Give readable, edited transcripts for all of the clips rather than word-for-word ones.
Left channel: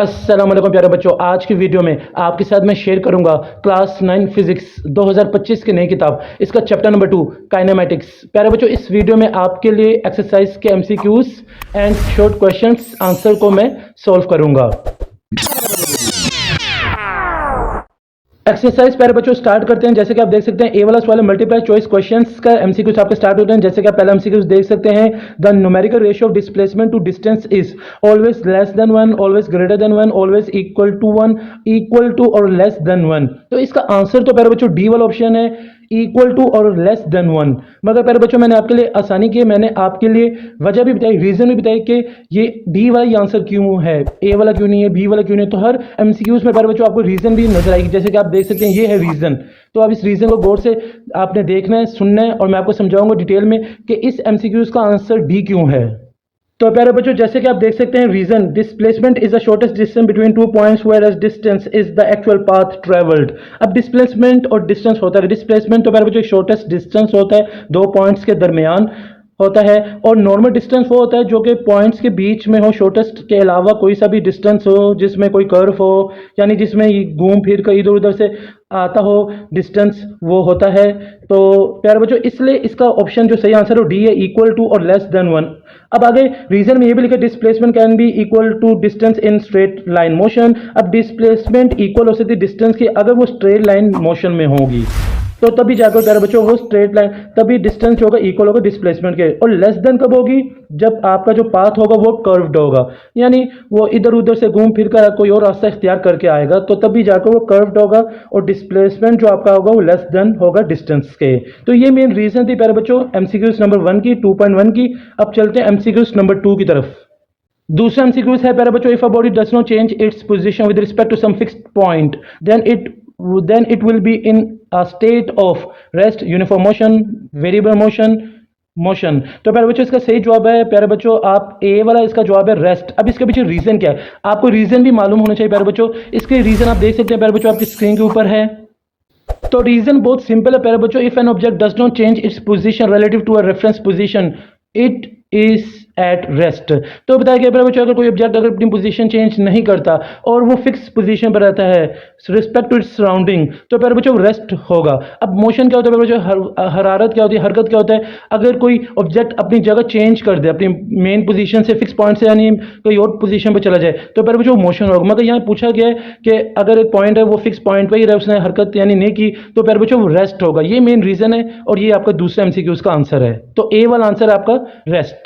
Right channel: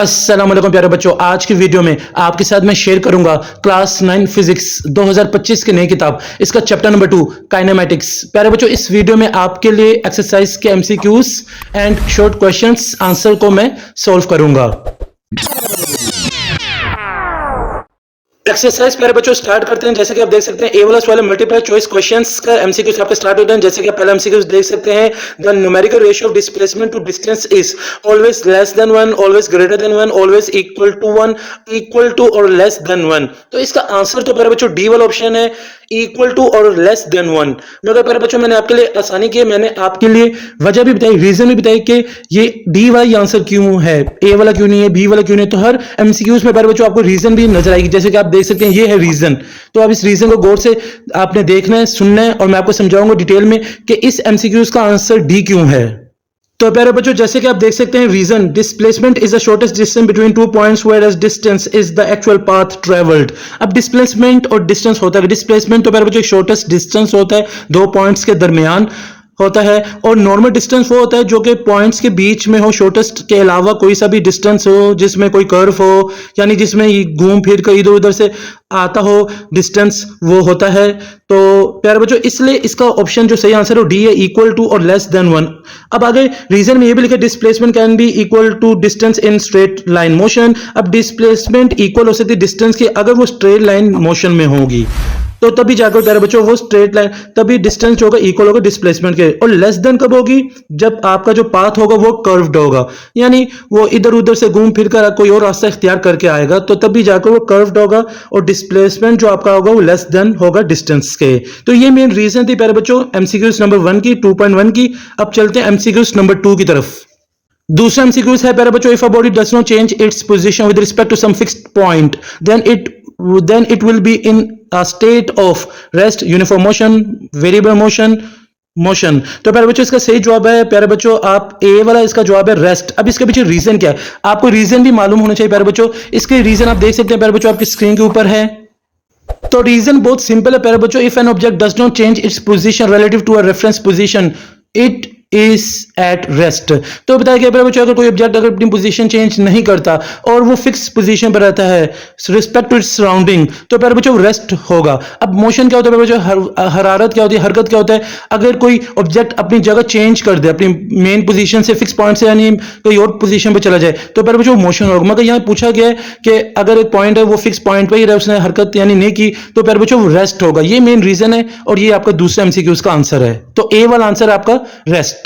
अस्सलाम वालेकुम प्यारे बच्चों, आज की वीडियो में आपके साथ मैं शेयर करूंगा क्लास 9 फिजिक्स 2025 की नई किताब, इसका चैप्टर नंबर 2 काइनेमैटिक्स। प्यारे बच्चों, इस वीडियो में आपके लिए एक्सरसाइज के MCQs and short questions answer को मैं सॉल्व करूंगा। एक्सरसाइज प्यारे बच्चों स्टार्ट करते हैं। जैसे कि आप देख सकते हैं ए वाला सवाल मल्टीपल चॉइस क्वेश्चंस का एमसीक्यूज आपके स्टार्ट होते हैं। जैसे कि आप पहला एमसीक्यूज देख सकते हैं, the numerical ratio of displacement to distance is always less than 1, always greater than 1, always equal to 1, equal to और लेस देन 1। तो इसका आंसर तो प्यारे बच्चों डी वाला ऑप्शन है, इक्वल टू और लेस देन 1। मगर प्यारे बच्चों मैंने आपके लिए आसानी की, मैंने आपके लिए वजह भी बताई, रीजन भी बताई कि ये डी वाला आंसर क्यों है, ए वाला क्यों नहीं है, बी वाला क्यों नहीं है। तो हर एमसीक्यूज में प्यारे बच्चों आपको रीजन भी नजर आएगी। जैसे कि आप देख सकते हैं ये है रीजन, तो अब इस रीजन को गौर से आपने देखना है, सुनना है और मैं आपको समझाऊंगा डिटेल में कि इस एमसीक्यूज का आंसर डी क्यों है। तो प्यारे बच्चों जैसे कि आप देख सकते हैं reason, displacement is the shortest distance between two points whereas distance is the actual path travelled. अब डिस्प्लेसमेंट और डिस्टेंस होता है, डिस्प्लेसमेंट तो प्यारे बच्चों शॉर्टेस्ट डिस्टेंस होता है दो पॉइंट्स के दरमियान होता है, और नॉर्मल डिस्टेंस वो होता है जो कि पॉइंट्स के बीच में हो, शॉर्टेस्ट के अलावा कोई सा भी डिस्टेंस हो जिसमें कोई कर्व हो, यानी जिसमें घूम फिर कर इधर उधर से आता हो डिस्टेंस, वो होता है। तो प्यारे बच्चों इसलिए इसका ऑप्शन जो सही आंसर है डी है, इक्वल टू और लेस देन 1। अब आगे रीजन में ये भी लिखा displacement can be equal to distance in straight line motion. अब डिस्प्लेसमेंट इक्वल हो सकती है डिस्टेंस की अगर वो स्ट्रेट लाइन मोशन में होगी, तो तभी जाकर प्यारे बच्चों वो स्ट्रेट लाइन, तभी डिस्टेंस जो होगा इक्वल होगा डिस्प्लेसमेंट के। और लेस देन कब होगी, जब आपका जो पाथ होगा वो कर्व्ड होगा, यानी वो इधर उधर से घूम फिर कर कोई और रास्ता इख्तियार करके आएगा, तो तभी जाकर वो कर्व्ड होगा और डिस्प्लेसमेंट जो आपका होगा वो लेस देन होगा डिस्टेंस के। तो ये मेन रीजन थी प्यारे बच्चों एमसीक्यूज नंबर 1 की, 2.1 की। अब चलते हैं एमसीक्यूज नंबर 2 की तरफ। दूसरा एमसीक्यूज है प्यारे बच्चों, if a body does not change its position with respect to some fixed point then it will be in a state of rest, uniform motion, variable motion। तो प्यारे बच्चों इसका सही जवाब है प्यारे बच्चों आप ए वाला, इसका जवाब है रेस्ट। अब इसके पीछे रीजन क्या है, आपको रीजन भी मालूम होना चाहिए प्यारे बच्चों। इसके रीजन आप देख सकते हैं प्यारे बच्चों आपकी स्क्रीन के ऊपर है। तो रीजन बहुत सिंपल है प्यारे बच्चों, if an object does not change its position relative to a reference position it is at rest. तो बताया गया प्यारे बच्चों अगर कोई ऑब्जेक्ट अगर अपनी पोजीशन चेंज नहीं करता और वो फिक्स पोजीशन पर रहता है रिस्पेक्ट टू इट्स सराउंडिंग, तो प्यारे बच्चों रेस्ट होगा। अब मोशन क्या होता है प्यारे बच्चों, हरारत क्या होती है, हरकत क्या होता है, अगर कोई ऑब्जेक्ट अपनी जगह चेंज कर दे, अपनी मेन पोजीशन से फिक्स पॉइंट से यानी कोई और पोजीशन पर चला जाए, तो प्यारे बच्चों मोशन होगा। मगर यहाँ पूछा गया है कि अगर एक पॉइंट है वो फिक्स पॉइंट पर ही रहे, उसने हरकत यानी नहीं की, तो प्यारे बच्चों रेस्ट होगा। ये मेन रीजन है और ये आपका दूसरा एमसीक्यू का आंसर है। तो ए वाला आंसर आपका रेस्ट।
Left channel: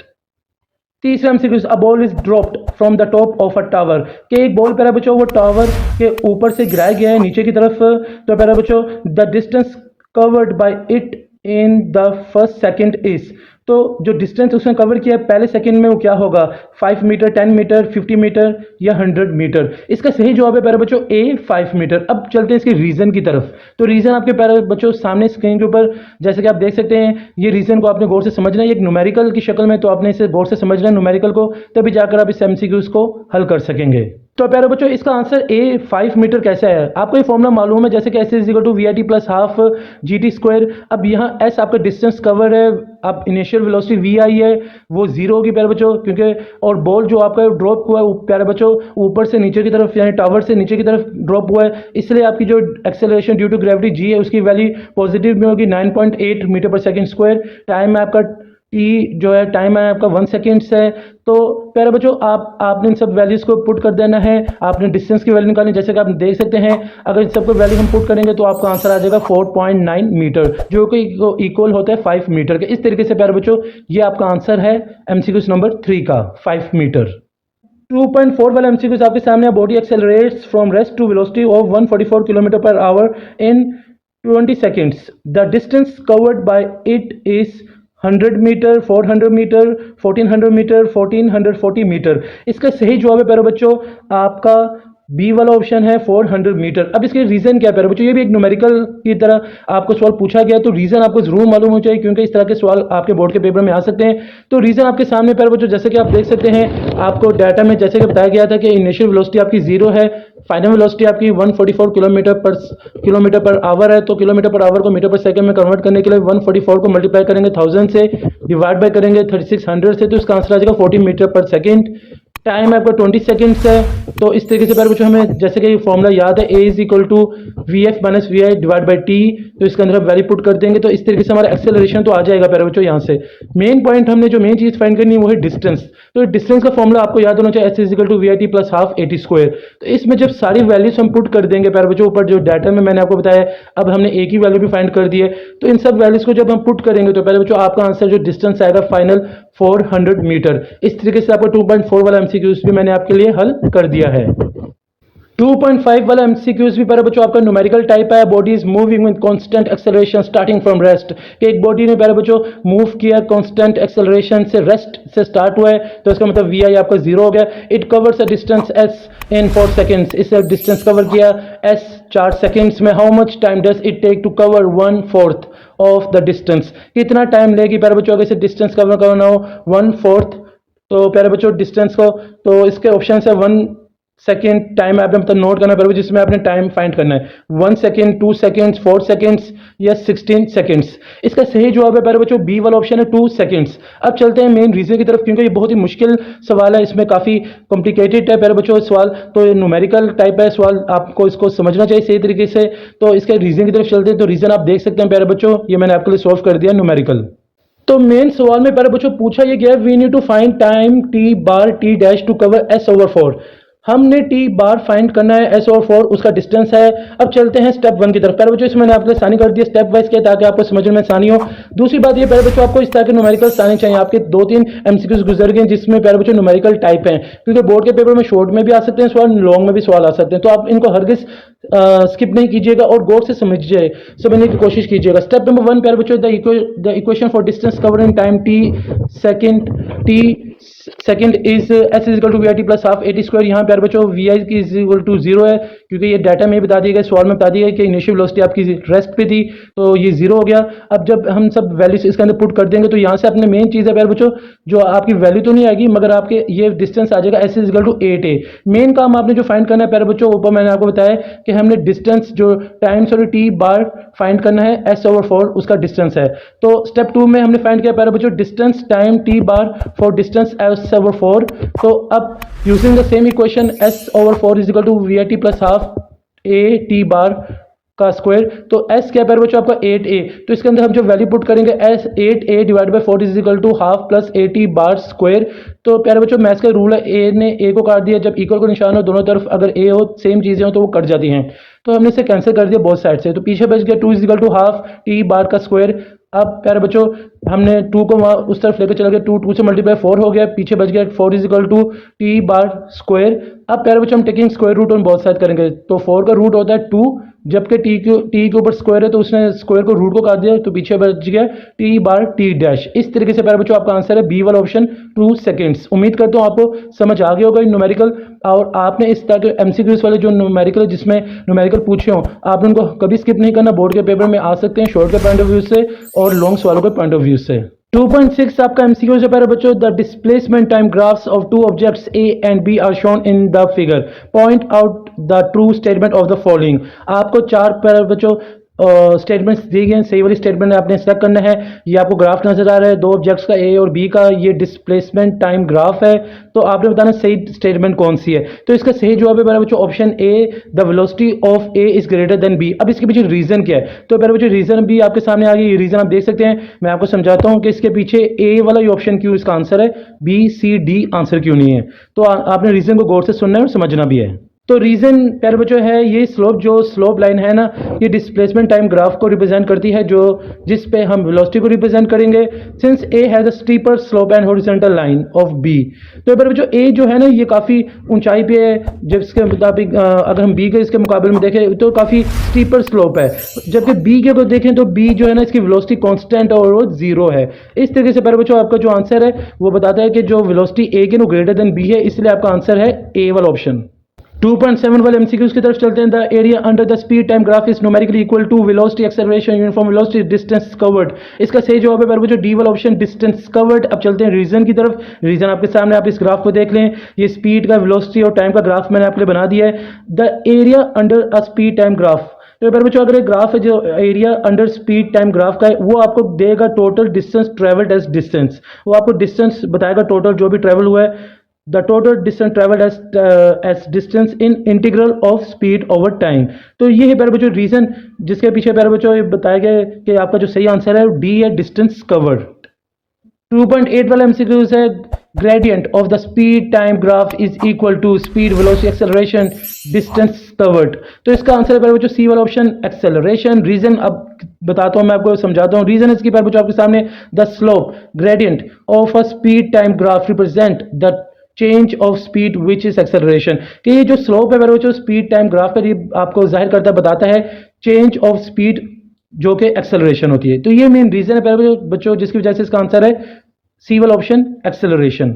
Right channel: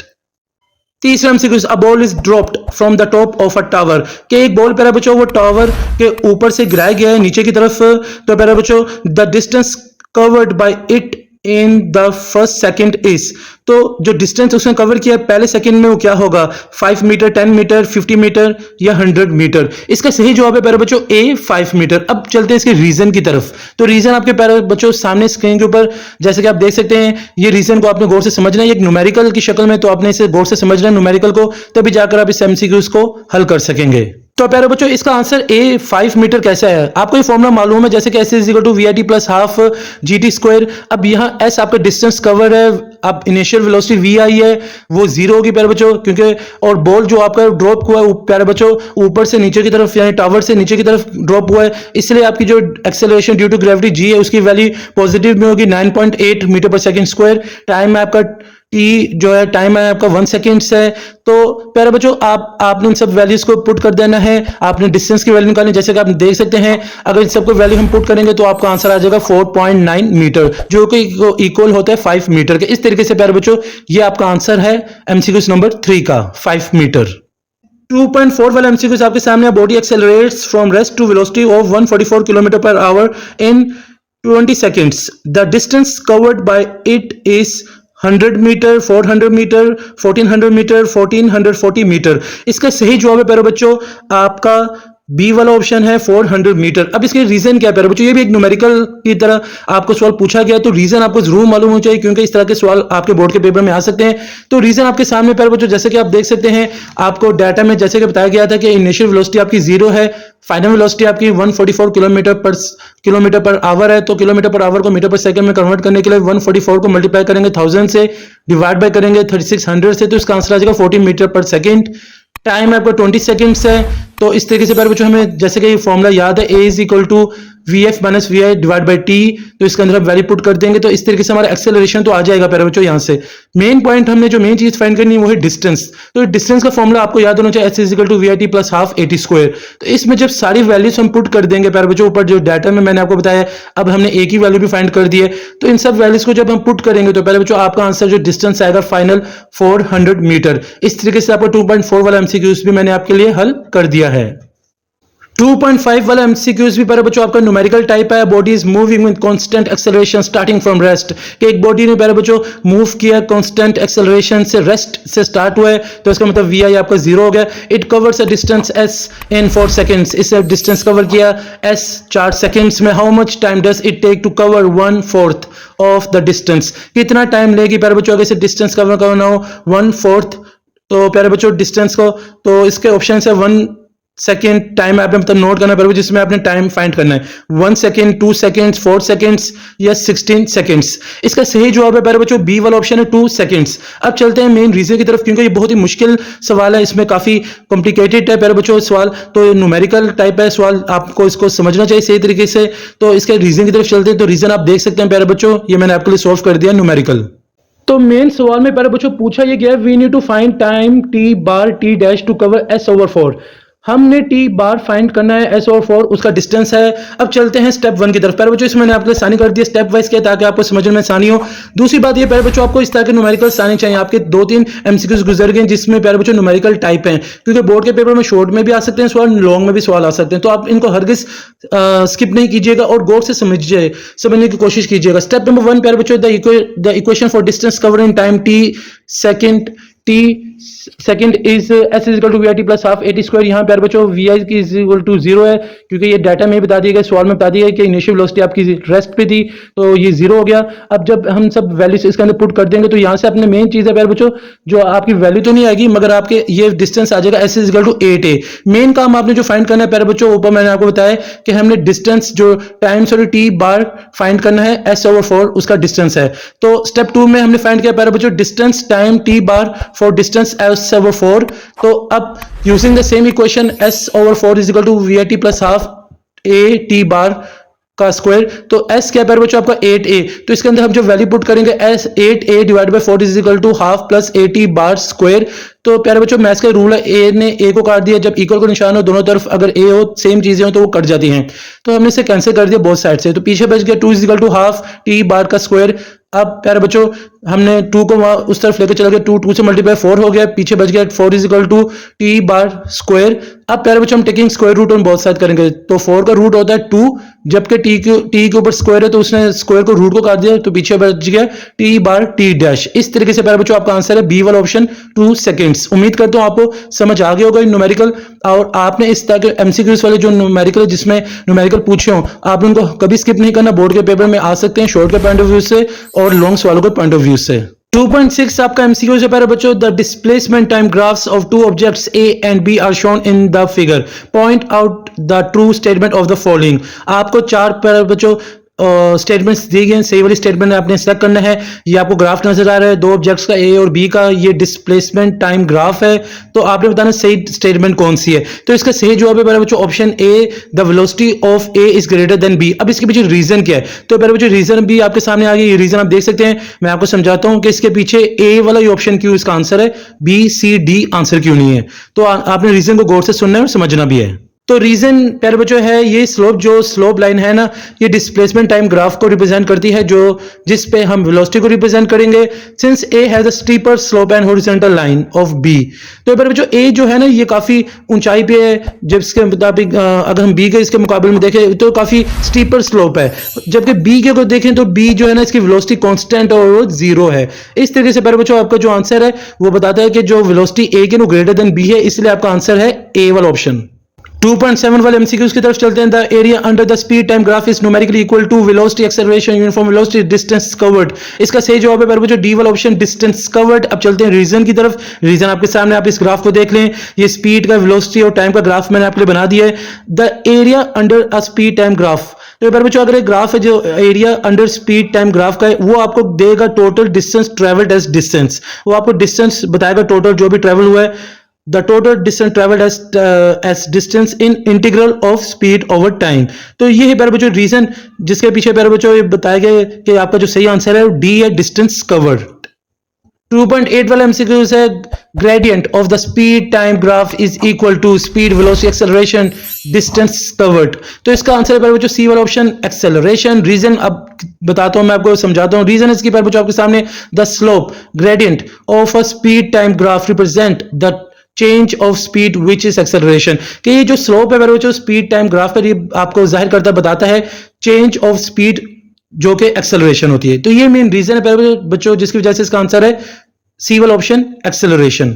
तीसरा MCQ, a ball is dropped from the top of a tower. कि एक बॉल प्यारे बच्चों वो टावर के ऊपर से गिराया गया है नीचे की तरफ, तो प्यारे बच्चों the distance covered by it in the first second is, तो जो डिस्टेंस उसने कवर किया पहले सेकंड में वो क्या होगा, 5 मीटर, 10 मीटर, 50 मीटर या 100 मीटर। इसका सही जवाब है प्यारे बच्चों ए 5 मीटर। अब चलते हैं इसके रीजन की तरफ। तो रीजन आपके प्यारे बच्चों सामने स्क्रीन के ऊपर जैसे कि आप देख सकते हैं, ये रीजन को आपने गौर से समझना है, एक न्यूमेरिकल की शक्ल में, तो आपने इसे गौर से समझना है न्यूमेरिकल को, तभी जाकर आप इस एमसीक्यूज को हल कर सकेंगे। तो प्यारे बच्चों इसका आंसर ए 5 मीटर कैसे है, आपको ये फॉर्मूला मालूम है, जैसे कि S is equal to V I T plus half G T square. अब यहाँ एस आपका डिस्टेंस कवर है, अब इनिशियल वेलोसिटी वी आई है वो 0 होगी प्यारे बच्चों, क्योंकि और बॉल जो आपका ड्रॉप हुआ है प्यारे बच्चों ऊपर से नीचे की तरफ यानी टावर से नीचे की तरफ ड्रॉप हुआ है, इसलिए आपकी जो acceleration due to gravity G है उसकी वैल्यू पॉजिटिव में होगी 9.8 metre per second square. Time है आपका टी जो है टाइम है आपका 1 सेकेंड्स है। तो प्यारे बच्चों आपने इन सब वैल्यूज को पुट कर देना है, आपने डिस्टेंस की वैल्यू निकालनी, जैसे कि आप देख सकते हैं अगर इन सबको वैल्यू हम पुट करेंगे तो आपका आंसर आ जाएगा 4.9 मीटर, जो कि इक्वल होता है 5 मीटर के। इस तरीके से प्यारे बच्चों ये आपका आंसर है एमसीक्यू नंबर 3 का 5 मीटर। 2.4 वाला एमसीक्यू आपके सामने, body accelerates from rest to velocity of 144 kilometre per hour in 20 seconds. The distance covered by it is 100 metre, 400 metre, 1400 metre, 1440 metre. इसका सही जवाब है प्यारे बच्चों आपका बी वाला ऑप्शन है 400 मीटर। अब इसके रीजन क्या है प्यारे बच्चों, ये भी एक न्यूमेरिकल की तरह आपको सवाल पूछा गया, तो रीजन आपको जरूर मालूम होना चाहिए क्योंकि इस तरह के सवाल आपके बोर्ड के पेपर में आ सकते हैं। तो रीजन आपके सामने प्यारे बच्चों जैसे कि आप देख सकते हैं, आपको डाटा में जैसे कि बताया गया था कि इनिशियल वेलोसिटी आपकी 0 है, फाइनल वेलोसिटी आपकी 144 किलोमीटर पर आवर है। तो किलोमीटर पर आवर को मीटर पर सेकंड में कन्वर्ट करने के लिए 144 को मल्टीप्लाई करेंगे 1000 से, डिवाइड बाय करेंगे 3600 से, तो इसका आंसर आ जाएगा 40 मीटर पर सेकंड। टाइम आपका 20 सेकंड्स है। तो इस तरीके से प्यारे बच्चों हमें जैसे कि ये फॉर्मूला याद है, a is equal to V F minus V I divide by T. तो इसके अंदर हम वैल्यू पुट कर देंगे तो इस तरीके से हमारा एक्सेलरेशन तो आ जाएगा प्यारे बच्चों। यहाँ से मेन पॉइंट हमने जो मेन चीज फाइंड करनी है वो है डिस्टेंस। तो डिस्टेंस का फॉर्मूला आपको याद होना चाहिए, S is equal to V I T plus half A T square. तो इसमें जब सारी वैल्यूज हम पुट कर देंगे प्यारे बच्चों, ऊपर जो डाटा में मैंने आपको बताया, अब हमने एक ही वैल्यू भी फाइंड कर दी है। तो इन सब वैल्यूज को जब हम पुट करेंगे तो प्यारे बच्चों आपका आंसर जो डिस्टेंस आएगा फाइनल 400 मीटर। इस तरीके से आपका 2.4 वाला एमसीक्यूज भी मैंने आपके लिए हल कर दिया है। 2.5 वाला एमसीक्यूज भी प्यारे बच्चों आपका न्यूमेरिकल टाइप है। Body is moving with constant acceleration starting from rest. कि एक बॉडी ने प्यारे बच्चों मूव किया कांस्टेंट एक्सेलरेशन से, रेस्ट से स्टार्ट हुआ है, तो इसका मतलब वी आई आपका 0 हो गया। It covers a distance S in 4 seconds. इससे डिस्टेंस कवर किया एस 4 सेकंड्स में। How much time does it take to cover 1/4 of the distance? कितना टाइम लेगी प्यारे बच्चों अगर इसे डिस्टेंस कवर करना हो 1/4? तो प्यारे बच्चों डिस्टेंस को, तो इसके ऑप्शन है 1 सेकेंड टाइम आपने मतलब नोट करना पड़ेगा, जिसमें आपने टाइम फाइंड करना है 1 सेकेंड, 2 सेकेंड्स, 4 सेकेंड्स या 16 सेकेंड्स। इसका सही जवाब है प्यारे बच्चों बी वाला ऑप्शन है 2 सेकेंड्स। अब चलते हैं मेन रीजन की तरफ, क्योंकि ये बहुत ही मुश्किल सवाल है, इसमें काफी कॉम्प्लिकेटेड है प्यारे बच्चों सवाल। तो न्यूमेरिकल टाइप है सवाल, आपको इसको समझना चाहिए सही तरीके से। तो इसके रीजन की तरफ चलते हैं। तो रीजन आप देख सकते हैं प्यारे बच्चों, ये मैंने आपके लिए सॉल्व कर दिया न्यूमेरिकल। तो मेन सवाल में प्यारे बच्चों पूछा ये गया, we need to find time T bar T dash to cover S over 4। हमने टी बार फाइंड करना है, एस और 4 उसका डिस्टेंस है। अब चलते हैं स्टेप 1 की तरफ। प्यारे बच्चों इसमें मैंने आपके लिए आसानी कर दिया स्टेप वाइज के, ताकि आपको समझने में आसानी हो। दूसरी बात ये प्यारे बच्चों आपको इस तरह के न्यूमेरिकल्स आने चाहिए। आपके 2-3 एमसीक्यूज गुजर गए जिसमें प्यारे बच्चों न्यूमेरिकल टाइप हैं, क्योंकि बोर्ड के पेपर में शॉर्ट में भी आ सकते हैं सवाल, लॉन्ग में भी सवाल आ सकते हैं। तो आप इनको हरगिज स्किप नहीं कीजिएगा और गौर से समझने की कोशिश कीजिएगा। स्टेप नंबर 1 प्यारे बच्चों, the equation for distance cover in time T second is S is equal to V I T plus half A T square. यहाँ प्यारे बच्चों वी आई की इज इक्वल टू 0 है, क्योंकि ये डाटा में बता दिया गया, सवाल में बता दिया कि इनिशियल वेलोसिटी आपकी रेस्ट पे थी, तो ये 0 हो गया। अब जब हम सब वैल्यूज इसके अंदर पुट कर देंगे तो यहाँ से अपने मेन चीज है प्यारे बच्चों, जो आपकी वैल्यू तो नहीं आएगी मगर आपके ये डिस्टेंस आ जाएगा S is equal to 8a। Main काम आपने जो फाइंड करना है प्यारे बच्चों, ऊपर मैंने आपको बताया कि हमने डिस्टेंस जो टाइम्स और टी बार फाइंड करना है, एस ओवर 4 उसका डिस्टेंस है। तो स्टेप 2 में हमने फाइंड किया प्यारे बच्चों distance time T bar for distance S over 4। तो अब using the same equation S over 4 is equal to V I T plus half A T bar का स्क्वायर। तो s क्या है बच्चों आपका 8a। तो इसके अंदर हम जो वैल्यू पुट करेंगे s 8a divide by 4 is equal to half plus 80 bar square. तो प्यारे बच्चों मैथ्स का रूल है, a ने a को काट दिया, जब इक्वल को निशान हो दोनों तरफ अगर a हो सेम चीजें हो तो वो कट जाती हैं। तो हमने इसे कैंसिल कर दिया बोथ साइड से, तो पीछे बच गया 2 is equal to half T bar का स्क्वायर। अब प्यारे बच्चों हमने 2 को वहां उस तरफ लेकर चला गया, 2 से मल्टीप्लाई 4 हो गया, पीछे बच गया 4 is equal to T bar square. अब प्यारे बच्चों हम taking square root on both side करेंगे, तो 4 का रूट होता है 2, जबकि टी के ऊपर स्क्वायर है तो उसने स्क्वायर को रूट को काट दिया, तो पीछे बच गया टी बार टी डैश। इस तरीके से प्यारे बच्चों आपका आंसर है बी वाला ऑप्शन 2 सेकंड्स। उम्मीद करता हूं आपको समझ आ गया होगा न्यूमेरिकल, और आपने इस तरह के एमसीक्यूज वाले जो न्यूमेरिकल जिसमें न्यूमेरिकल पूछे हो आपने उनको कभी स्किप नहीं करना, बोर्ड के पेपर में आ सकते हैं शॉर्ट के पॉइंट ऑफ व्यू से और लॉन्ग सवालों के पॉइंट ऑफ व्यू से। 2.6 आपका एमसीक्यू है प्यारे बच्चों, the displacement time graphs of 2 objects A and B are shown in the figure, point out the true statement of the following. आपको 4 प्यारे बच्चों स्टेटमेंट्स दिए गए हैं, सही वाली स्टेटमेंट आपने सेलेक्ट करना है। ये आपको ग्राफ नजर आ रहा है 2 ऑब्जेक्ट्स का ए और बी का, ये डिस्प्लेसमेंट टाइम ग्राफ है। तो आपने बताना सही स्टेटमेंट कौन सी है। तो इसका सही जवाब है प्यारे बच्चों option A, the velocity of A is greater than B. अब इसके पीछे रीजन क्या है, तो प्यारे बच्चों रीजन भी आपके सामने आ गया, ये रीजन आप देख सकते हैं। मैं आपको समझाता हूं कि इसके पीछे ए वाला ये ऑप्शन क्यों इसका आंसर है, बी सी डी आंसर क्यों नहीं है। तो आपने रीजन को गौर से सुनना है और समझना भी है। तो रीजन प्यारे बच्चों है ये स्लोप लाइन है ना, ये डिस्प्लेसमेंट टाइम ग्राफ को रिप्रेजेंट करती है, जो जिस पे हम वेलोसिटी को रिप्रेजेंट करेंगे। Since A has a steeper slope and horizontal line of B, तो प्यारे बच्चों ए जो है ना ये काफी ऊंचाई पे है, जब इसके मुताबिक अगर हम बी के इसके मुकाबले में देखें तो काफी स्टीपर स्लोप है, जबकि बी के को देखें तो बी जो है ना इसकी वेलोसिटी कांस्टेंट और 0 है। इस तरीके से प्यारे बच्चों आपका जो आंसर है वो बताता है कि जो वेलोसिटी ए के नो ग्रेटर देन बी है, इसलिए आपका आंसर है ए वाला ऑप्शन। 2.7 वाले एमसीक्यूज की तरफ चलते हैं। The area under the speed time graph is numerically equal to velocity acceleration uniform velocity distance covered. इसका सही जवाब है बच्चों डी वाला ऑप्शन डिस्टेंस कवर्ड। अब चलते हैं रीजन की तरफ। रीजन आपके सामने, आप इस ग्राफ को देख लें, ये स्पीड का वेलोसिटी और टाइम का ग्राफ मैंने आपके लिए बना दिया है। The area under a speed time graph, तो बच्चों अगर एक ग्राफ है जो area under speed time graph का है, वो आपको देगा total distance travelled as distance, वो आपको डिस्टेंस बताएगा टोटल जो भी ट्रेवल हुआ है। The total distance travelled as distance in integral of speed over time. तो ये है प्यारे बच्चों रीजन जिसके पीछे प्यारे बच्चों बताया गया है कि आपका जो सही आंसर है डी है, डिस्टेंस कवर्ड। 2.8 वाला एमसीक्यू है gradient of the speed time graph is equal to speed velocity acceleration distance covered. तो इसका आंसर है प्यारे बच्चों सी वाला ऑप्शन एक्सेलरेशन। रीजन अब बताता हूं, मैं आपको समझाता हूं। रीजन इसकी प्यारे बच्चों आपके सामने the slope gradient of a speed time graph represent the change of speed which is acceleration. कि ये जो स्लोप है प्यारे बच्चों स्पीड टाइम ग्राफ पर, ये आपको जाहिर करता बताता है चेंज ऑफ स्पीड जो कि एक्सेलरेशन होती है। तो ये मेन रीजन है प्यारे बच्चों जिसकी वजह से इसका आंसर है सी वाला ऑप्शन एक्सेलरेशन।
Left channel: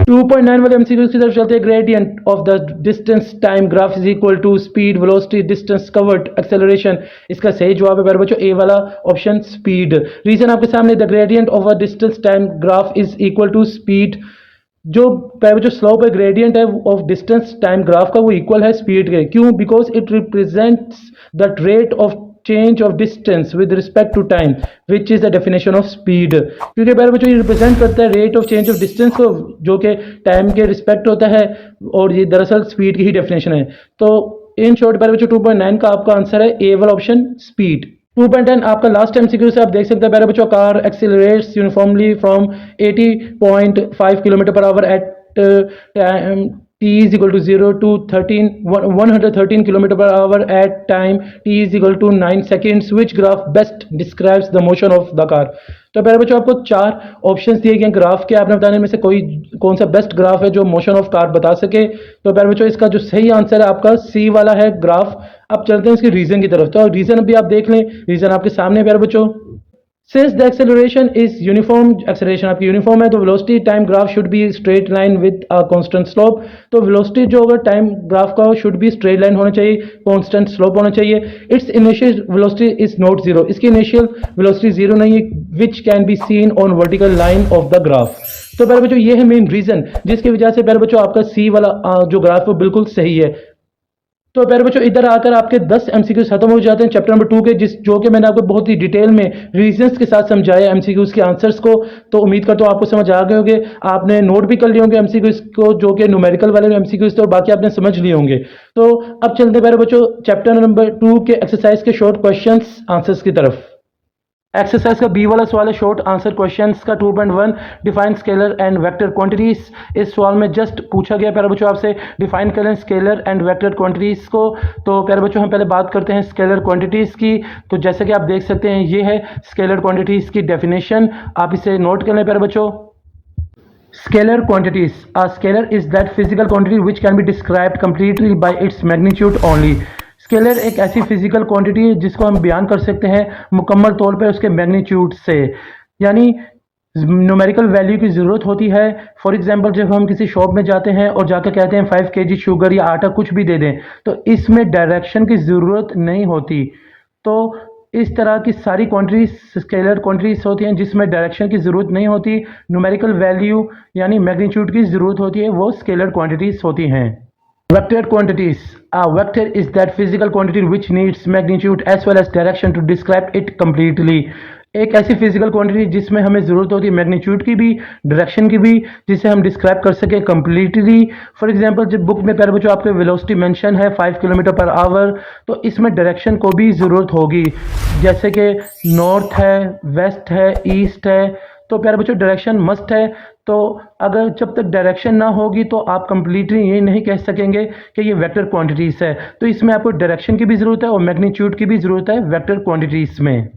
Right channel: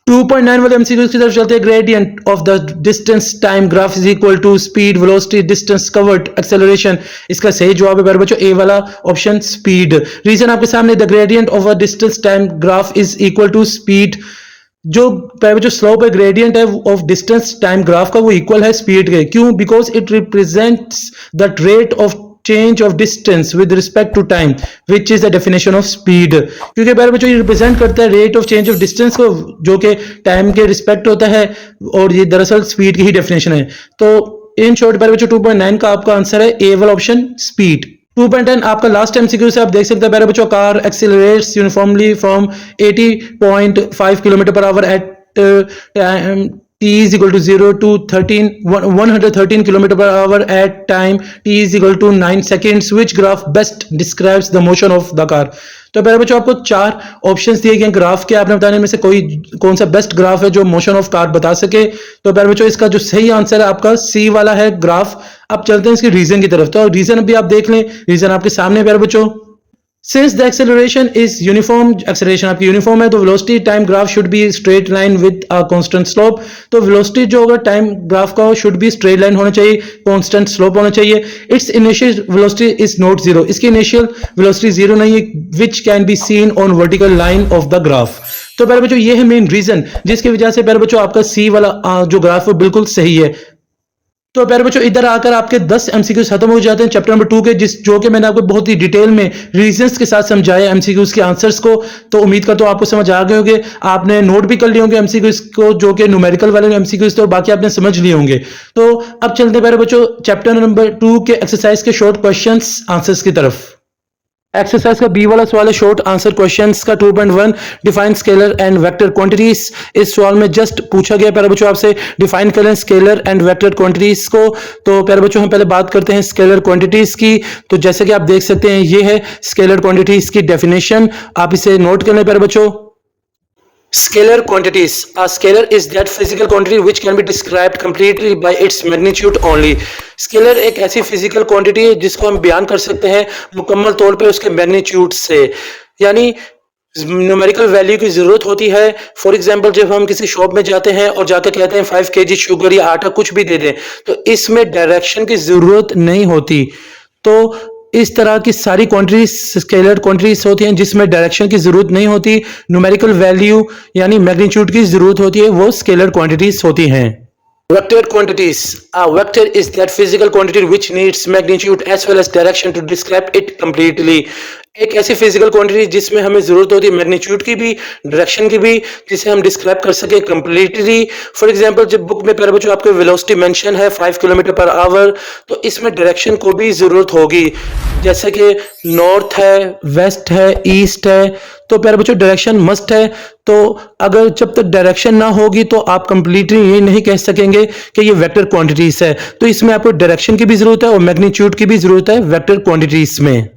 2.9 वाले एमसीक्यू की तरफ चलते हैं। Gradient of the distance time graph is equal to speed velocity distance covered acceleration. इसका सही जवाब है प्यारे बच्चों ए वाला ऑप्शन स्पीड। रीजन आपके सामने the gradient of a distance time graph is equal to speed. जो प्यारे बच्चों स्लोप है ग्रेडियंट है ऑफ डिस्टेंस टाइम ग्राफ का वो इक्वल है स्पीड के। क्यों? Because it represents the rate of change of distance with respect to time which is the definition of speed। क्योंकि प्यारे बच्चों ये रिप्रेजेंट करता है rate of change of distance को जो कि टाइम के रिस्पेक्ट होता है और ये दरअसल स्पीड की ही डेफिनेशन है। तो इन शॉर्ट प्यारे बच्चों 2.9 का आपका आंसर है ए वाला ऑप्शन स्पीड। 2.10 आपका लास्ट एमसीक्यू से आप देख सकते हैं प्यारे बच्चों car accelerates uniformly from 80.5 kilometre per hour at t is equal to 0 to 113 kilometer per hour at time t is equal to 9 seconds। which graph best describes the motion of the car। तो प्यारे बच्चों आपको 4 options दिए गए graph के, आपने बताने में से कौन सा बेस्ट ग्राफ है जो मोशन ऑफ कार बता सके। तो प्यारे बच्चों इसका जो सही आंसर है आपका सी वाला है ग्राफ। अब चलते हैं इसके रीजन की तरफ। तो रीजन भी आप देख लें, रीजन आपके सामने प्यारे बच्चों। Since the acceleration is uniform, acceleration आपकी यूनिफॉर्म है तो velocity time graph should be straight line with a constant slope। तो velocity जो होगा टाइम ग्राफ का should be straight line होना चाहिए, constant slope होना चाहिए। Its initial velocity is not zero। इसकी initial velocity zero नहीं है, which can be seen on vertical line of the graph। तो प्यारे बच्चों ये है मेन रीजन जिसकी वजह से प्यारे बच्चों आपका सी वाला जो ग्राफ है बिल्कुल सही है। तो प्यारे बच्चों इधर आकर आपके 10 एमसीक्यूज खत्म हो जाते हैं चैप्टर नंबर 2 के, जो कि मैंने आपको बहुत ही डिटेल में रीजंस के साथ समझाया एमसीक्यूज के आंसर्स को। तो उम्मीद करता हूं आपको समझ आ गए होंगे, आपने नोट भी कर लिए होंगे एमसीक्यूज को जो कि न्यूमेरिकल वाले एमसीक्यूज थे, बाकी आपने समझ लिए होंगे। तो अब चलते हैं प्यारे बच्चों चैप्टर नंबर 2 के एक्सरसाइज के शॉर्ट क्वेश्चंस आंसर्स की तरफ। एक्सरसाइज का बी वाला सवाल है शॉर्ट आंसर क्वेश्चंस का 2.1 define scalar and vector quantities. इस सवाल में जस्ट पूछा गया प्यारे बच्चों आपसे डिफाइन करें स्केलर एंड वेक्टर क्वांटिटीज को। तो प्यारे बच्चों हम पहले बात करते हैं स्केलर क्वांटिटीज की। तो जैसे कि आप देख सकते हैं ये है स्केलर क्वांटिटीज की डेफिनेशन, आप इसे नोट कर लें प्यारे बच्चों। Scalar quantities. A scalar is that physical quantity which can be described completely by its magnitude only। Scalar एक ऐसी फिजिकल क्वांटिटी है जिसको हम बयान कर सकते हैं मुकम्मल तौर पे उसके मैग्नीट्यूड से, यानी न्यूमेरिकल वैल्यू की जरूरत होती है। फॉर एग्जांपल जब हम किसी शॉप में जाते हैं और जाकर कहते हैं 5 kg शुगर या आटा कुछ भी दे दें, तो इसमें डायरेक्शन की जरूरत नहीं होती। तो इस तरह की सारी क्वांटिटीज स्केलर क्वांटिटीज होती हैं जिसमें डायरेक्शन की जरूरत नहीं होती, न्यूमेरिकल वैल्यू यानी मैग्नीट्यूड की जरूरत होती है, वो स्केलर क्वांटिटीज होती हैं। Vector quantities. A vector is that physical quantity which needs magnitude as well as direction to describe it completely। एक ऐसी फिजिकल क्वांटिटी जिसमें हमें जरूरत होती है मैग्नीट्यूड की भी डायरेक्शन की भी, जिसे हम डिस्क्राइब कर सके कंप्लीटली। फॉर एग्जांपल जब बुक में प्यारे बच्चों आपके वेलोसिटी मेंशन है 5 किलोमीटर पर आवर, तो इसमें डायरेक्शन को भी जरूरत होगी, जैसे कि नॉर्थ है, वेस्ट है, ईस्ट है। तो प्यारे बच्चों डायरेक्शन मस्ट है। तो अगर जब तक डायरेक्शन ना होगी तो आप कंप्लीटली ये नहीं कह सकेंगे कि ये वेक्टर क्वांटिटीज है। तो इसमें आपको डायरेक्शन की भी जरूरत है और मैग्नीट्यूड की भी जरूरत है वेक्टर क्वांटिटीज में।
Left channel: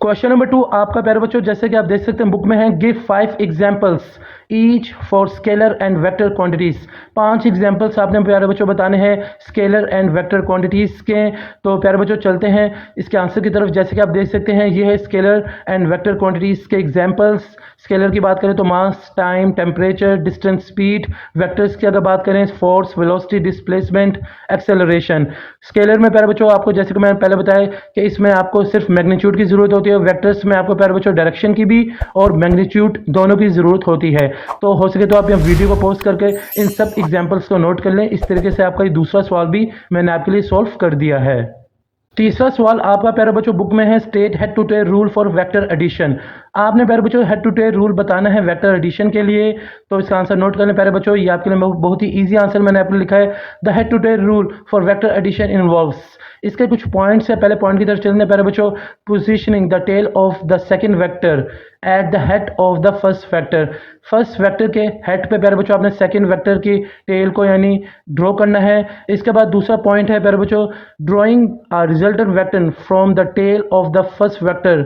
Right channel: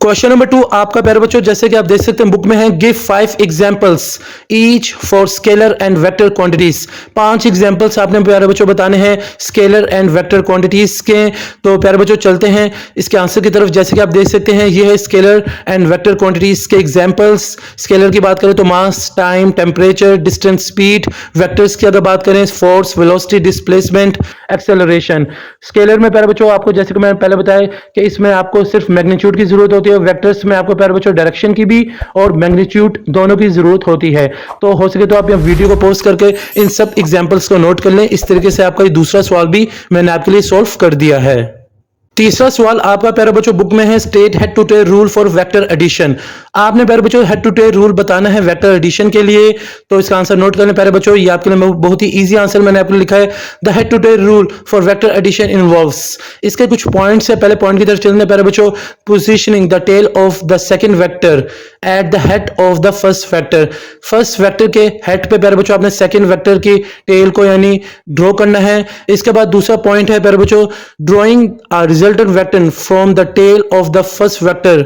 क्वेश्चन नंबर 2 आपका प्यारे बच्चों जैसे कि आप देख सकते हैं बुक में है give 5 examples each for scalar and vector quantities. 5 examples आपने प्यारे बच्चों बताने हैं स्केलर एंड वेक्टर क्वांटिटीज के। तो प्यारे बच्चों चलते हैं इसके आंसर की तरफ। जैसे कि आप देख सकते हैं ये है स्केलर एंड वेक्टर क्वांटिटीज के एग्जांपल्स। स्केलर की बात करें तो mass, time, temperature, distance, speed. Vectors की अगर बात करें force, velocity, displacement, acceleration. Scalar में प्यारे बच्चों आपको जैसे कि मैंने पहले बताया कि इसमें आपको सिर्फ मैग्नीट्यूड की जरूरत होती है, वेक्टर्स में आपको प्यारे बच्चों डायरेक्शन की भी और मैग्नीट्यूड दोनों की जरूरत होती है। तो हो सके तो आप यहाँ वीडियो को पॉज करके इन सब एग्जांपल्स को नोट कर लें। इस तरीके से आपका ये दूसरा सवाल भी मैंने आपके लिए सॉल्व कर दिया है। तीसरा सवाल आपका प्यारे बच्चों बुक में है, state head to tail rule for vector addition. आपने प्यारे बच्चों हेड टू टेल रूल बताना है वेक्टर एडिशन के लिए, तो इसका आंसर नोट कर लें प्यारे बच्चों। ये आपके लिए बहुत ही इजी आंसर मैंने आपको लिखा है। The head to tail rule for vector addition involves, इसके कुछ पॉइंट्स है, पहले पॉइंट की तरफ चलते हैं प्यारे बच्चों। Positioning the tail of the second vector at the head of the first vector, first vector के हेड पे प्यारे बच्चों आपने सेकंड वेक्टर की टेल को यानी ड्रॉ करना है। इसके बाद दूसरा पॉइंट है प्यारे बच्चों, drawing a resultant vector from the tail of the first vector,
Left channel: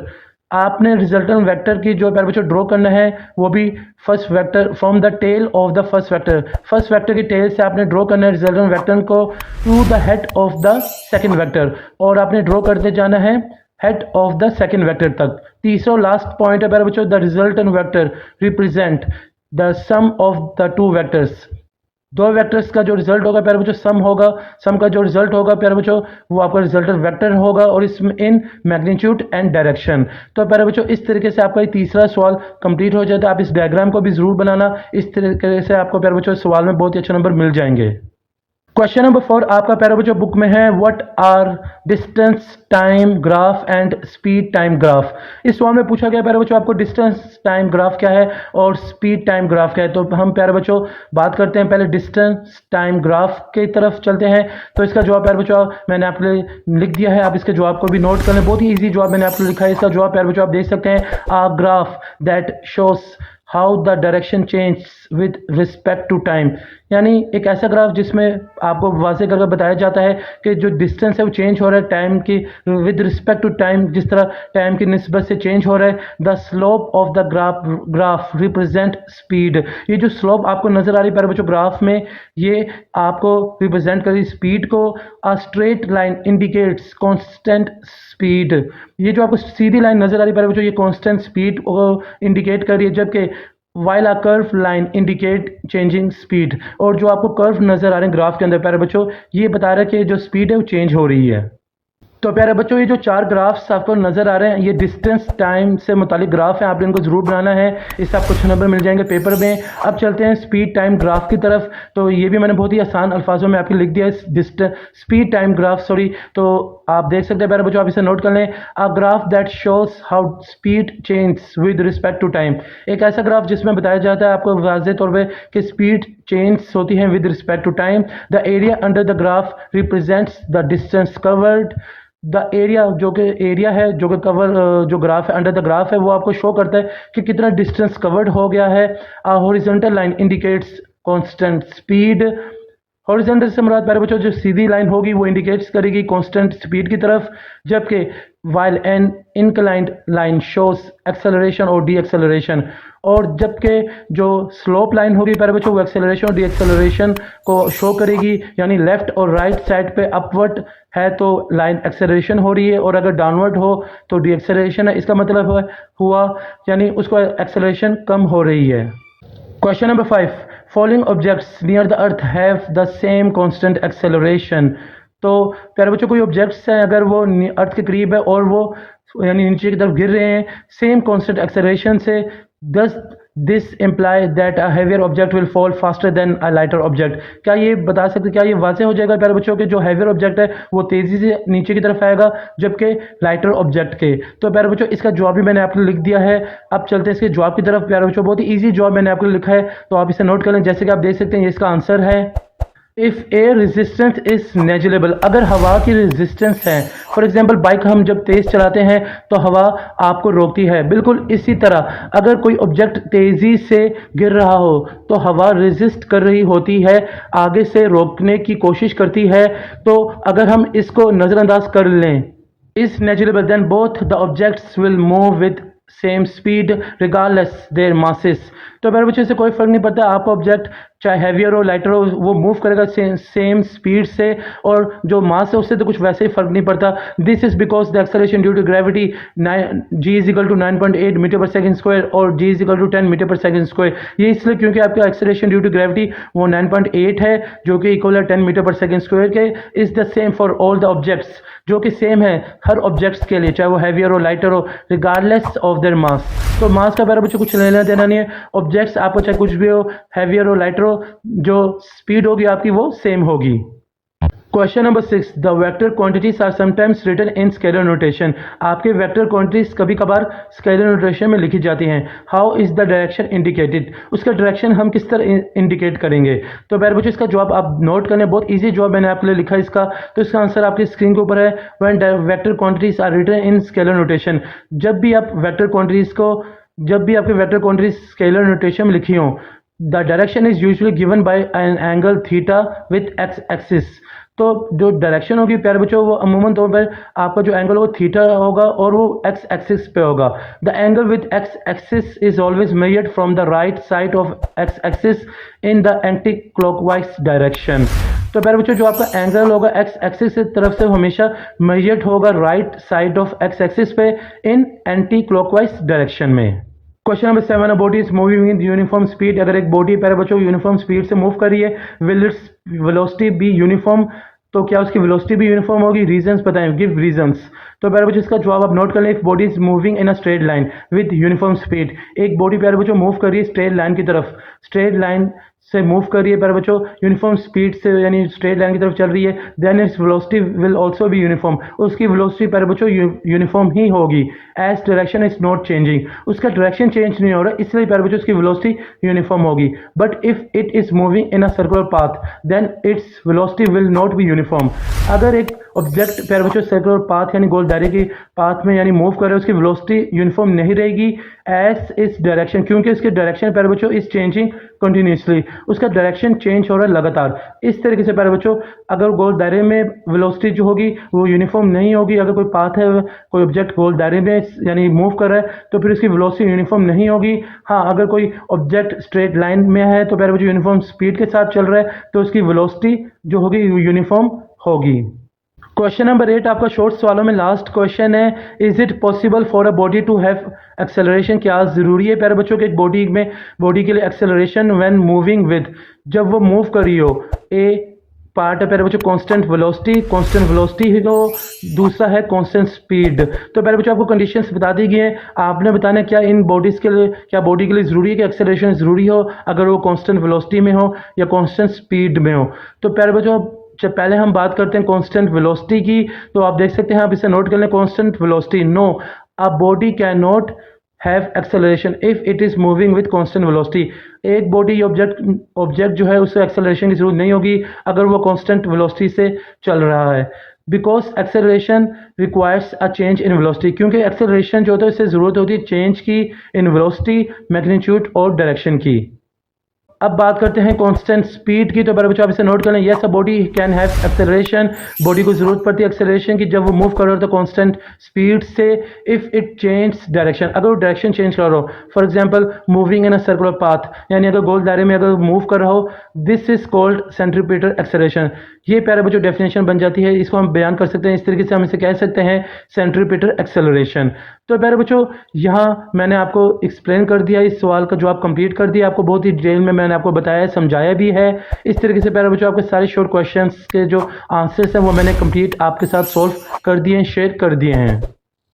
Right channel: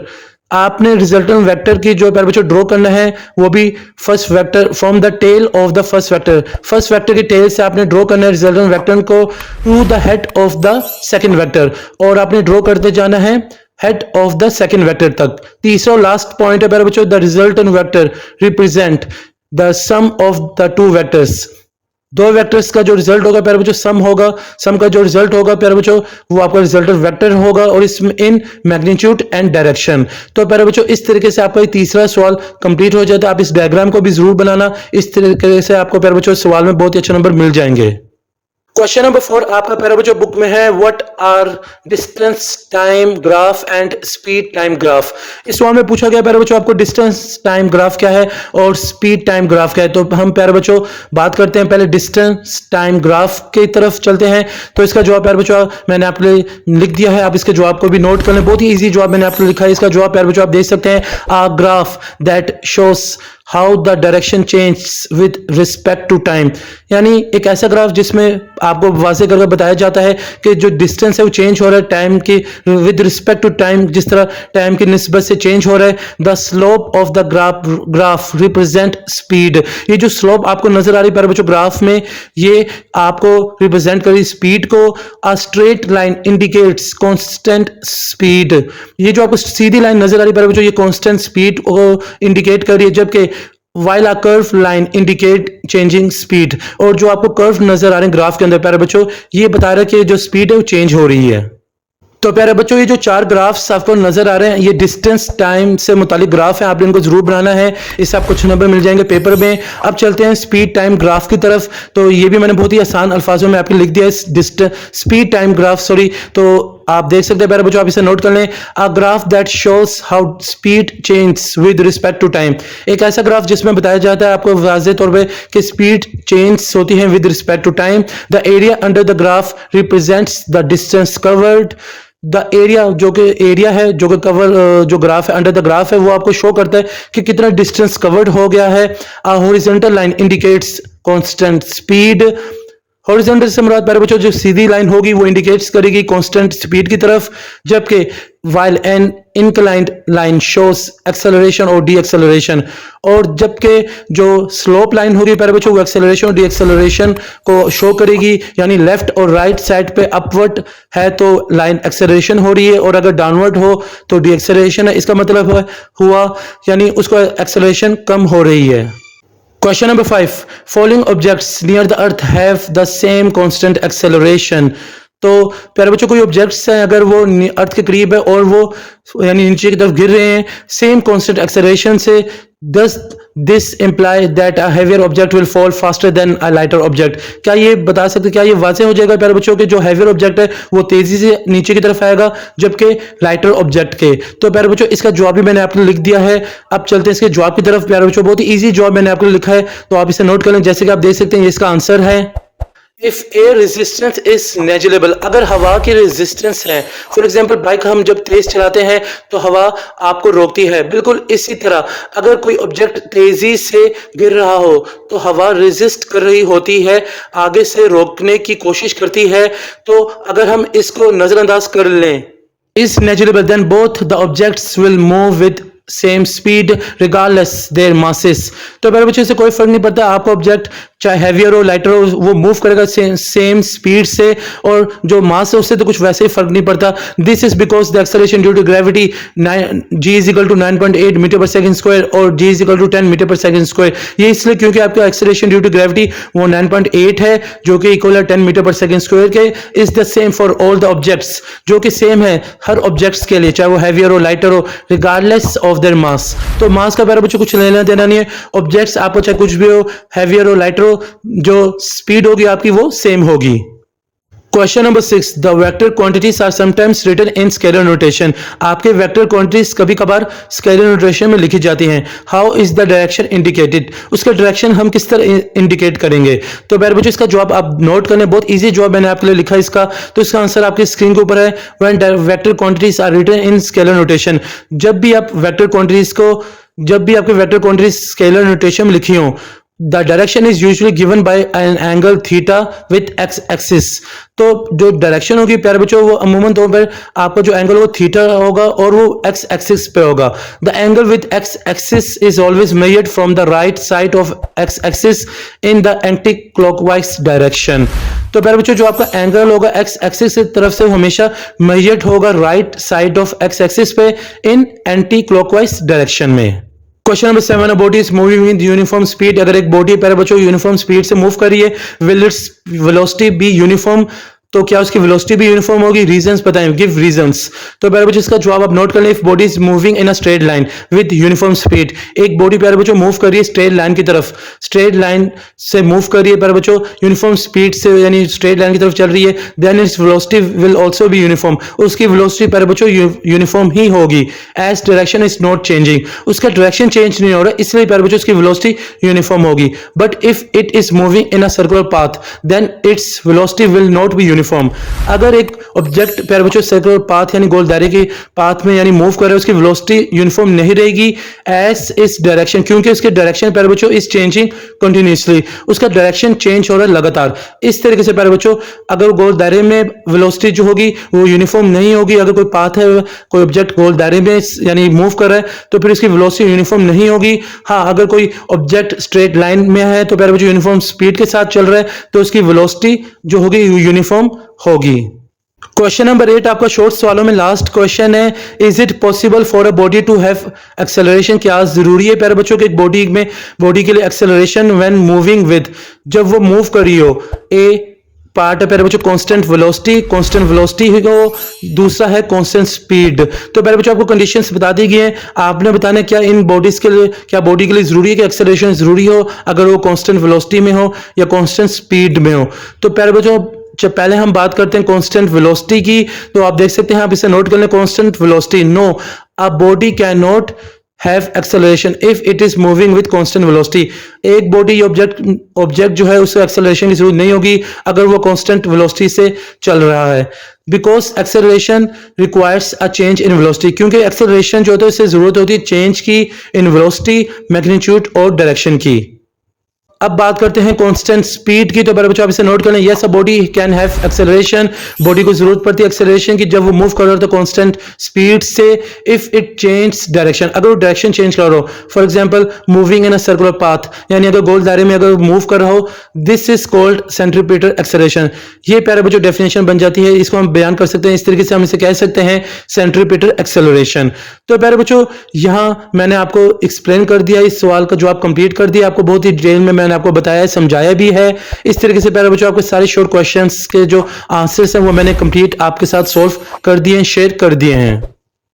आपने रिजल्टेंट वेक्टर की जो प्यारे बच्चों ड्रॉ करना है वो भी first vector from the tail of the first vector, first vector की टेल से आपने ड्रॉ करना है रिजल्टेंट वेक्टर को to the head of the second vector, और आपने ड्रॉ करते जाना है head of the second vector तक। तीसरा लास्ट पॉइंट है प्यारे बच्चों, the resultant vector represent the sum of the two vectors, दो वेक्टर्स का जो रिजल्ट होगा प्यारे बच्चों सम होगा, सम का जो रिजल्ट होगा प्यारे बच्चों वो आपका रिजल्टेंट वेक्टर होगा, और इसमें इन मैग्नीट्यूड एंड डायरेक्शन। तो प्यारे बच्चों इस तरीके से आपका ये तीसरा सवाल कंप्लीट हो जाता है। आप इस डायग्राम को भी जरूर बनाना, इस तरीके से आपको प्यारे बच्चों सवाल में बहुत ही अच्छे नंबर मिल जाएंगे। क्वेश्चन नंबर 4 आपका प्यारे बच्चों बुक में है, what are distance time graph and speed time graph. इस सवाल में पूछा गया प्यारे बच्चों आपको डिस्टेंस टाइम ग्राफ क्या है और स्पीड टाइम ग्राफ क्या है। तो हम प्यारे बच्चों बात करते हैं पहले डिस्टेंस टाइम ग्राफ की तरफ चलते हैं। तो इसका जवाब प्यारे बच्चों मैंने आपको लिख दिया है, आप इसके जवाब को भी नोट कर लें, बहुत ही ईजी जवाब मैंने आपको लिखा है। इसका जवाब प्यारे बच्चों आप देख सकते हैं, a graph that shows how the direction change with respect to time, यानी एक ऐसा ग्राफ जिसमें आपको वाज़ेह करके बताया जाता है कि जो डिस्टेंस है वो चेंज हो रहा है टाइम की विद रिस्पेक्ट टू टाइम, जिस तरह टाइम की निस्बत से चेंज हो रहा है। The slope of the graph represent speed, ये जो स्लोप आपको नजर आ रही है बच्चों ग्राफ में, ये आपको रिप्रेजेंट कर रही स्पीड को। A straight line indicates constant speed, ये जो आपको सीधी लाइन नजर आ रही है बच्चों ये कांस्टेंट स्पीड को इंडिकेट कर रही है, जबकि while a curved line indicate changing speed, और जो आपको कर्व नजर आ रहे हैं ग्राफ के अंदर प्यारे बच्चों ये बता रहा है कि जो स्पीड है वो चेंज हो रही है। तो प्यारे बच्चों ये जो चार ग्राफ्स आपको नजर आ रहे हैं ये डिस्टेंस टाइम से मुतालिक ग्राफ है, आपने इनको जरूर बनाना है, इससे आपको कुछ नंबर मिल जाएंगे पेपर में। अब चलते हैं स्पीड टाइम ग्राफ की तरफ, तो ये भी मैंने बहुत ही आसान अल्फाजों में आपको लिख दिया है स्पीड टाइम ग्राफ, सॉरी। तो आप देख सकते हैं प्यारे बच्चों, आप इसे नोट कर लें, a graph that shows how speed change with respect to time, एक ऐसा ग्राफ जिसमें बताया जाता है आपको वाज़ेह तौर पे कि स्पीड चेंज होती है with respect to time. The area under the graph represents the distance covered, the area जो कि एरिया है जो कि कवर जो ग्राफ है अंडर द ग्राफ है वो आपको शो करता है कि कितना डिस्टेंस कवर्ड हो गया है। Horizontal line indicates constant speed, horizontal से मुराद प्यारे बच्चों जो सीधी लाइन होगी वो इंडिकेट्स करेगी कांस्टेंट स्पीड की तरफ, जबकि while an inclined line shows acceleration और डीएक्सेलरेशन, और जबकि जो स्लोप लाइन होगी प्यारे बच्चों वो एक्सेलरेशन और डीएक्सेलरेशन को शो करेगी, यानी लेफ्ट और राइट साइड पे अपवर्ड है तो लाइन एक्सेलरेशन हो रही है, और अगर डाउनवर्ड हो तो डीएक्सेलरेशन है, इसका मतलब हुआ यानी उसको एक्सेलरेशन कम हो रही है। Question number 5. Falling objects near the earth have the same constant acceleration. तो प्यारे बच्चों कोई ऑब्जेक्ट्स हैं अगर वो अर्थ के करीब है और वो यानी नीचे की तरफ गिर रहे हैं सेम कांस्टेंट एक्सेलरेशन से, does this imply that a heavier object will fall faster than a lighter object? क्या ये बता सकते, क्या ये वाज़ेह हो जाएगा प्यारे बच्चों के जो हेवियर ऑब्जेक्ट है वो तेजी से नीचे की तरफ आएगा जबकि लाइटर ऑब्जेक्ट के। तो प्यारे बच्चों इसका जवाब भी मैंने आपको लिख दिया है। अब चलते हैं इसके जवाब की तरफ प्यारे बच्चों, बहुत ही ईजी जवाब मैंने आपको लिखा है तो आप इसे नोट कर लें। जैसे कि आप देख सकते हैं इसका आंसर है, if air resistance is negligible, अगर हवा की रेजिस्टेंस है, फॉर एग्जांपल बाइक हम जब तेज चलाते हैं तो हवा आपको रोकती है, बिल्कुल इसी तरह अगर कोई ऑब्जेक्ट तेजी से गिर रहा हो तो हवा रेजिस्ट कर रही होती है, आगे से रोकने की कोशिश करती है। तो अगर हम इसको नजरअंदाज कर लें, is negligible then both the objects will move with same speed regardless their masses. तो मेरे बच्चों से कोई फर्क नहीं पड़ता, आपका ऑब्जेक्ट चाहे हैवियर हो लाइटर हो वो मूव करेगा सेम स्पीड से, और जो मास है उससे तो कुछ वैसे ही फर्क नहीं पड़ता। This is because the acceleration due to gravity g is equal to 9.8 metre per second square और g is equal to 10 metre per second square. ये इसलिए क्योंकि आपका एक्सेलरेशन ड्यू टू ग्रेविटी वो 9.8 है जो कि इक्वल है 10 मीटर पर सेकंड स्क्वायर के। Is the same for all the objects, जो कि सेम है हर ऑब्जेक्ट्स के लिए चाहे वो हैवियर हो लाइटर हो, रिगार्डलेस ऑफ देयर मास। तो मास का बारे बच्चों कुछ लेना देना नहीं है, ऑब्जेक्ट्स आपको चाहे कुछ भी हो हैवियर हो लाइटर हो, जो स्पीड होगी आपकी वो सेम होगी। Question number 6, the vector quantities are sometimes written in scalar notation. आपके वेक्टर क्वांटिटीज कभी कभार स्केलर नोटेशन में लिखी जाती हैं। How is the direction indicated, उसका डायरेक्शन हम किस तरह इंडिकेट करेंगे। तो प्यारे बच्चों इसका जवाब आप नोट कर लें, बहुत इजी जवाब मैंने आपके लिए लिखा है इसका। तो इसका आंसर आपकी स्क्रीन के ऊपर है। When vector quantities are written in scalar notation, जब भी आपके वेक्टर क्वांटिटीज स्केलर नोटेशन में लिखी हो, the direction is usually given by an angle theta with x axis। तो जो डायरेक्शन होगी प्यारे बच्चों वो अमूमन तौर पर आपका जो एंगल वो थीटा होगा और वो x एक्सिस पे होगा। The angle with x axis is always measured from the right side of x axis in the anti clockwise direction. तो प्यारे बच्चों जो आपका एंगल होगा x एक्सिस की तरफ से हमेशा मेजर्ड होगा right side of x axis पे इन एंटी क्लॉकवाइज डायरेक्शन में। Question number 7, a body is moving with uniform speed. अगर एक बॉडी प्यारे बच्चों यूनिफॉर्म स्पीड से मूव कर रही है, will its velocity be uniform, तो क्या उसकी वेलोसिटी भी यूनिफॉर्म होगी। रीजंस बताएं, गिव रीजंस। तो प्यारे बच्चों इसका जवाब आप नोट कर लें। If body is moving in a straight line with uniform speed, एक बॉडी प्यारे बच्चों मूव कर रही है स्ट्रेट लाइन की तरफ, स्ट्रेट लाइन से मूव कर रही है प्यारे बच्चों यूनिफॉर्म स्पीड से, यानी स्ट्रेट लाइन की तरफ चल रही है, then its velocity will also be uniform, उसकी वेलोसिटी प्यारे बच्चों यूनिफॉर्म ही होगी। As direction is not changing, उसका डायरेक्शन चेंज नहीं हो रहा, इसलिए प्यारे बच्चों उसकी वेलोसिटी यूनिफॉर्म होगी। But if it is moving in a circular path then its velocity will not be uniform. अगर एक ऑब्जेक्ट प्यारे बच्चों सर्कुलर पाथ यानी गोल दायरे के पाथ में यानी मूव कर रहे हैं, उसकी वेलोसिटी यूनिफॉर्म नहीं रहेगी एज इस डायरेक्शन, क्योंकि उसके डायरेक्शन प्यारे बच्चों इज चेंजिंग कंटिन्यूअसली, उसका डायरेक्शन चेंज हो रहा है लगातार। इस तरीके से प्यारे बच्चों अगर गोल दायरे में वेलोसिटी जो होगी वो यूनिफॉर्म नहीं होगी। अगर कोई पाथ है, कोई ऑब्जेक्ट गोल दायरे में यानी मूव कर रहा है तो फिर उसकी वेलोसिटी यूनिफॉर्म नहीं होगी। हाँ, अगर कोई ऑब्जेक्ट स्ट्रेट लाइन में है तो प्यारे बच्चों यूनिफॉर्म स्पीड के साथ चल रहा है तो उसकी वेलोसिटी जो होगी यूनिफॉर्म होगी। क्वेश्चन नंबर 8 आपका शॉर्ट सवालों में लास्ट क्वेश्चन है, is it possible for a body to have acceleration. क्या जरूरी है प्यारे बच्चों के एक बॉडी के लिए एक्सेलरेशन व्हेन मूविंग विद, जब वो मूव कर रही हो। ए पार्ट है प्यारे बच्चों कांस्टेंट वेलोसिटी ही हो, दूसरा है कांस्टेंट स्पीड। तो प्यारे बच्चों आपको कंडीशंस बता दी गई हैं, आपने बताना क्या इन बॉडीज के लिए, क्या बॉडी के लिए जरूरी है कि एक्सेलरेशन जरूरी हो अगर वो कांस्टेंट वेलोसिटी में हो या कांस्टेंट स्पीड में हो। तो प्यारे बच्चों जब पहले हम बात करते हैं कांस्टेंट वेलोसिटी की, तो आप देख सकते हैं, आप इसे नोट कर लें। Constant velocity, no, a body can not have acceleration if it is moving with constant velocity. एक बॉडी ऑब्जेक्ट जो है उससे एक्सेलरेशन की जरूरत नहीं होगी अगर वो कांस्टेंट वेलोसिटी से चल रहा है। Because acceleration requires a change in velocity, क्योंकि एक्सेलरेशन जो होता है इससे जरूरत होती है चेंज की इन वेलोसिटी, मैग्नीट्यूड और डायरेक्शन की। अब बात करते हैं कांस्टेंट स्पीड की। तो प्यारे बच्चों आप इसे नोट कर लें, yes a body can have acceleration, body को जरूरत पड़ती है एक्सेलरेशन की जब वो मूव कर रहा हो तो कांस्टेंट स्पीड से, इफ इट चेंज डायरेक्शन, अगर वो डायरेक्शन चेंज कर रहा हो। For example moving in a circular path, यानी अगर गोल दायरे में अगर मूव कर रहा हो, this is called centripetal acceleration. ये प्यारे बच्चों डेफिनेशन बन जाती है, इसको हम बयान कर सकते हैं इस तरीके से, हम इसे कह सकते हैं सेंट्रीपिटल एक्सेलरेशन। तो प्यारे बच्चों यहाँ मैंने आपको एक्सप्लेन कर दिया, इस सवाल का जवाब कंप्लीट कर दिया, आपको बहुत ही डिटेल में मैंने आपको बताया, समझाया भी है। इस तरीके से प्यारे बच्चों आपके सारे शॉर्ट क्वेश्चंस के जो आंसर्स हैं वो मैंने कंप्लीट आपके साथ सॉल्व कर दिए हैं, शेयर कर दिए हैं।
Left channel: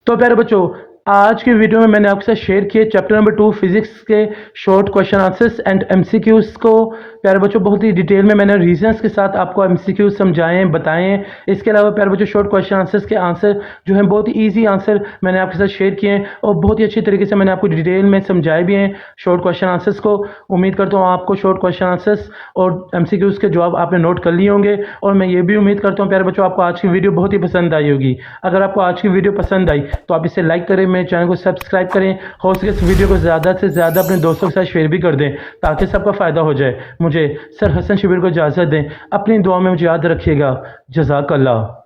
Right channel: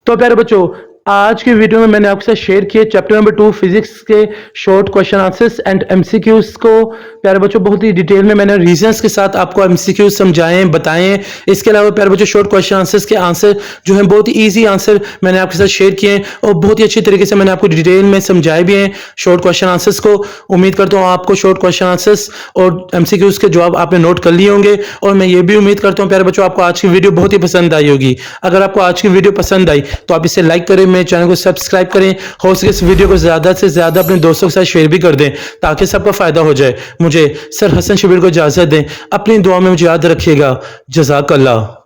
तो प्यारे बच्चों आज की वीडियो में मैंने आपसे शेयर किए चैप्टर नंबर 2 फिजिक्स के short question answers and MCQs को। प्यारे बच्चों बहुत ही डिटेल में मैंने रीजंस के साथ आपको एमसीक्यूज समझाए बताएं। इसके अलावा प्यारे बच्चों शॉर्ट क्वेश्चन आंसर्स के आंसर जो हैं बहुत ही ईजी आंसर मैंने आपके साथ शेयर किए हैं और बहुत ही अच्छी तरीके से मैंने आपको डिटेल में समझाए भी हैं शॉर्ट क्वेश्चन आंसर्स को। उम्मीद करता हूँ आपको शॉर्ट क्वेश्चन आंसर्स और एमसीक्यूज के जवाब आपने नोट कर लिए होंगे और मैं ये भी उम्मीद करता हूँ प्यारे बच्चों आपको आज की वीडियो बहुत ही पसंद आई होगी। अगर आपको आज की वीडियो पसंद आई तो आप इसे लाइक करें, मेरे चैनल को सब्सक्राइब करें, हो सके इस वीडियो को ज्यादा से ज्यादा अपने दोस्तों के साथ शेयर भी कर दें ताकि सबका फायदा हो जाए। मुझे सर हसन शबीर को इजाजत दें, अपनी दुआ में मुझे याद रखिएगा। जज़ाकल्लाह।